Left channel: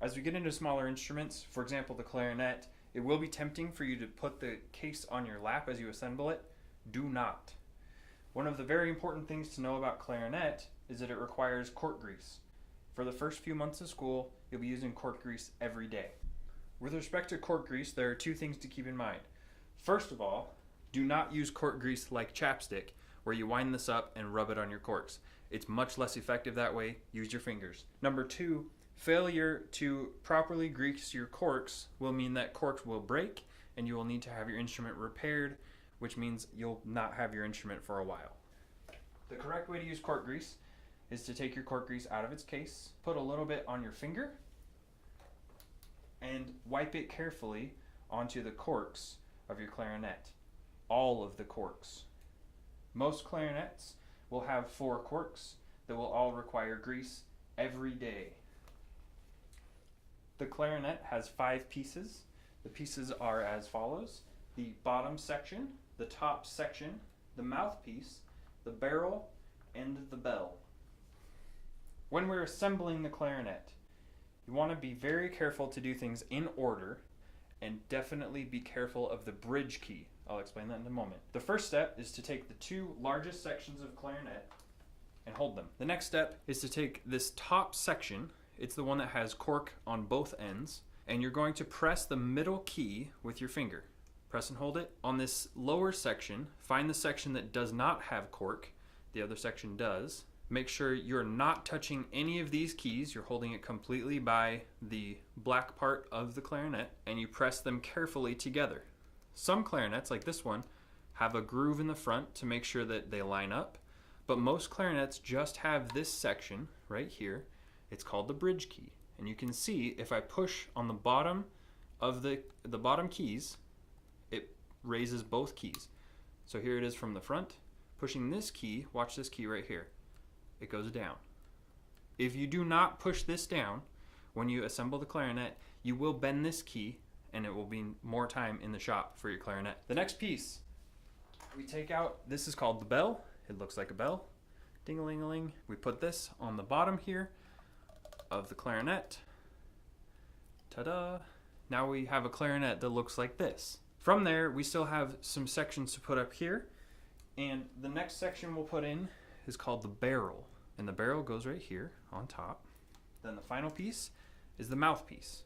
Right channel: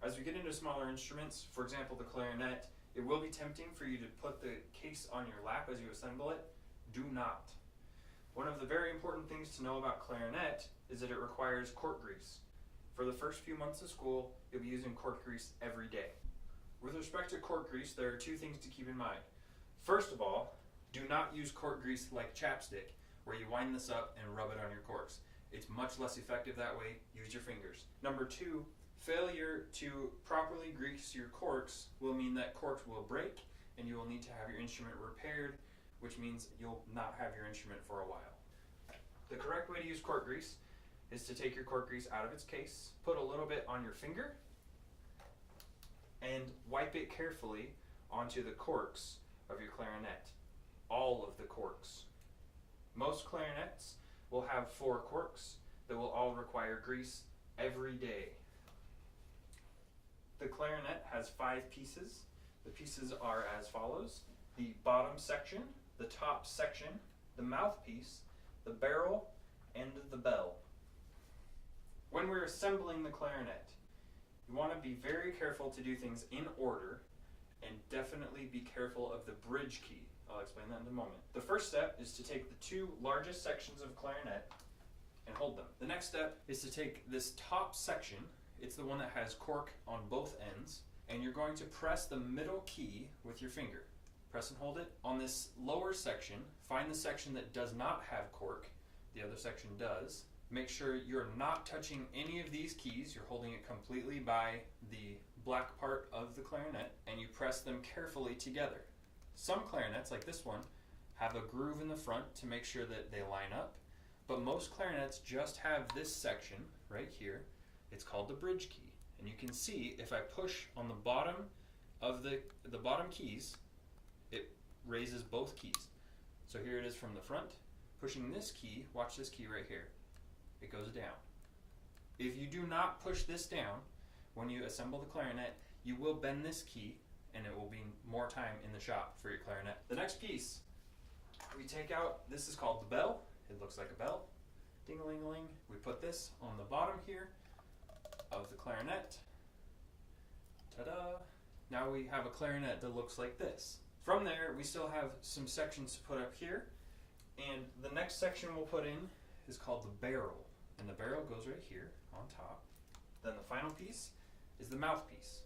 As we get into smaller instruments, for example the clarinet, it will be tempting for you to put the case on your lap as you assemble it. Do not. One of the very important things to know about clarinet is that it requires cork grease. For the first few months of school, you'll be using cork grease every day. With respect to cork grease, there are two things to keep in mind. First of all, do not use cork grease like chapstick, where you wind this up and rub it on your corks. It's much less effective that way. Use your fingers. Number two, failure to properly grease your corks will mean that corks will break and you will need to have your instrument repaired, which means you'll not have your instrument for a while. The correct way to use cork grease is to take your cork grease out of its case, put a little bit on your finger, and wipe it carefully onto the corks of your clarinet. All of the corks. Most clarinets will have 4 corks that will all require grease every day. The clarinet has 5 pieces. The pieces are as follows: the bottom section, the top section, the mouthpiece, the barrel, and the bell. When we're assembling the clarinet, you want to be very careful to do things in order, and definitely be careful of the bridge key. I'll explain that in a moment. The first step is to take the 2 largest sections of clarinet and hold them. The next step is to take this top section, it's the one that has cork on both ends, and you're going to press the middle key with your finger. Press and hold it. On this lower section, find the section that does not have cork, the other section does. Make sure you're not touching any of these keys, you're holding it completely by the black part of the clarinet, and you press them carefully together. Some clarinets, like this one, have a groove in the front to make sure that they line up, but most clarinets just have this section right here. It's called the bridge key, and you can see if I push on the bottom of the bottom keys, it raises both keys. So here it is from the front. Pushing this key, watch this key right here, it goes down. If you do not push this down when you assemble the clarinet, you will bend this key and it will be more time in the shop for your clarinet. The next piece we take out, this is called the bell. It looks like a bell. Ding-a-ling-a-ling. We put this on the bottom here of the clarinet. Ta-da! Now we have a clarinet that looks like this. From there, we still have some sections to put up here, and the next section we'll put in is called the barrel, and the barrel goes right here on top. Then the final piece is the mouthpiece.